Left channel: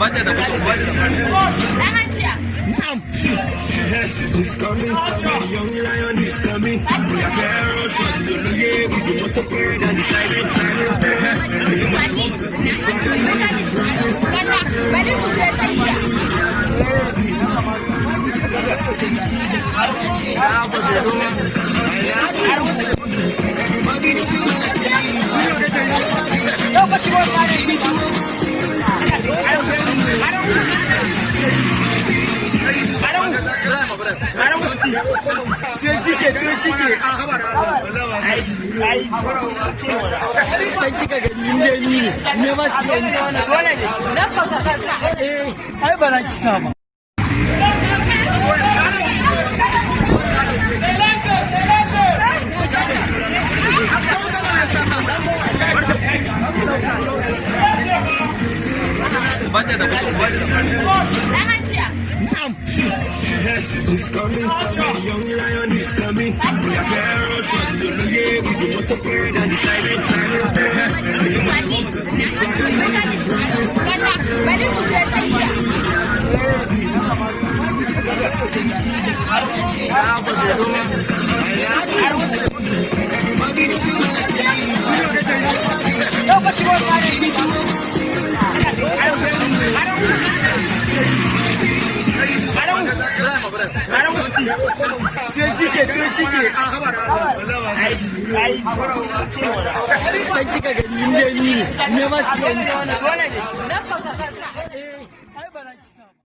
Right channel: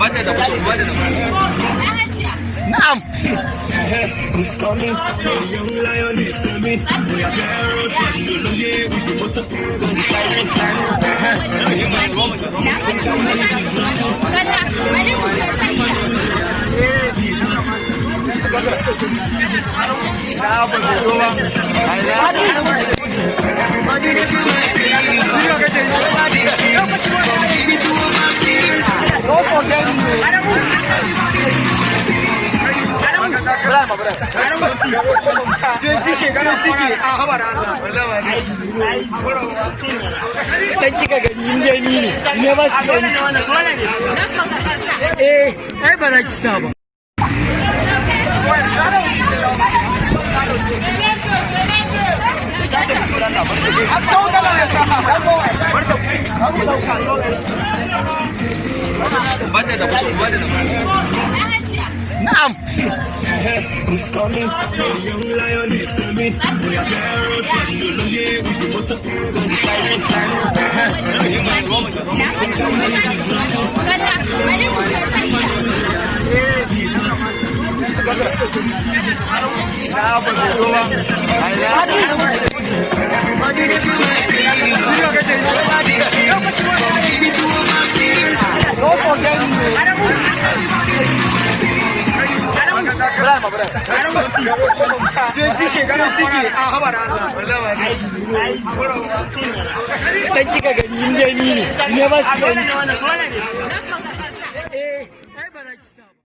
Bada da mutum, bada da mutum. Na'am. Who's coming? The young lion is coming. We are carrot from the lawyer with the motor bird and the silent ai ba za ki sa ba. Bada da mutum, bada da mutum. Na'am. Who's coming? The young lion is coming. We are carrot from the lawyer with the motor bird and the silent Kan kika gani ne ba su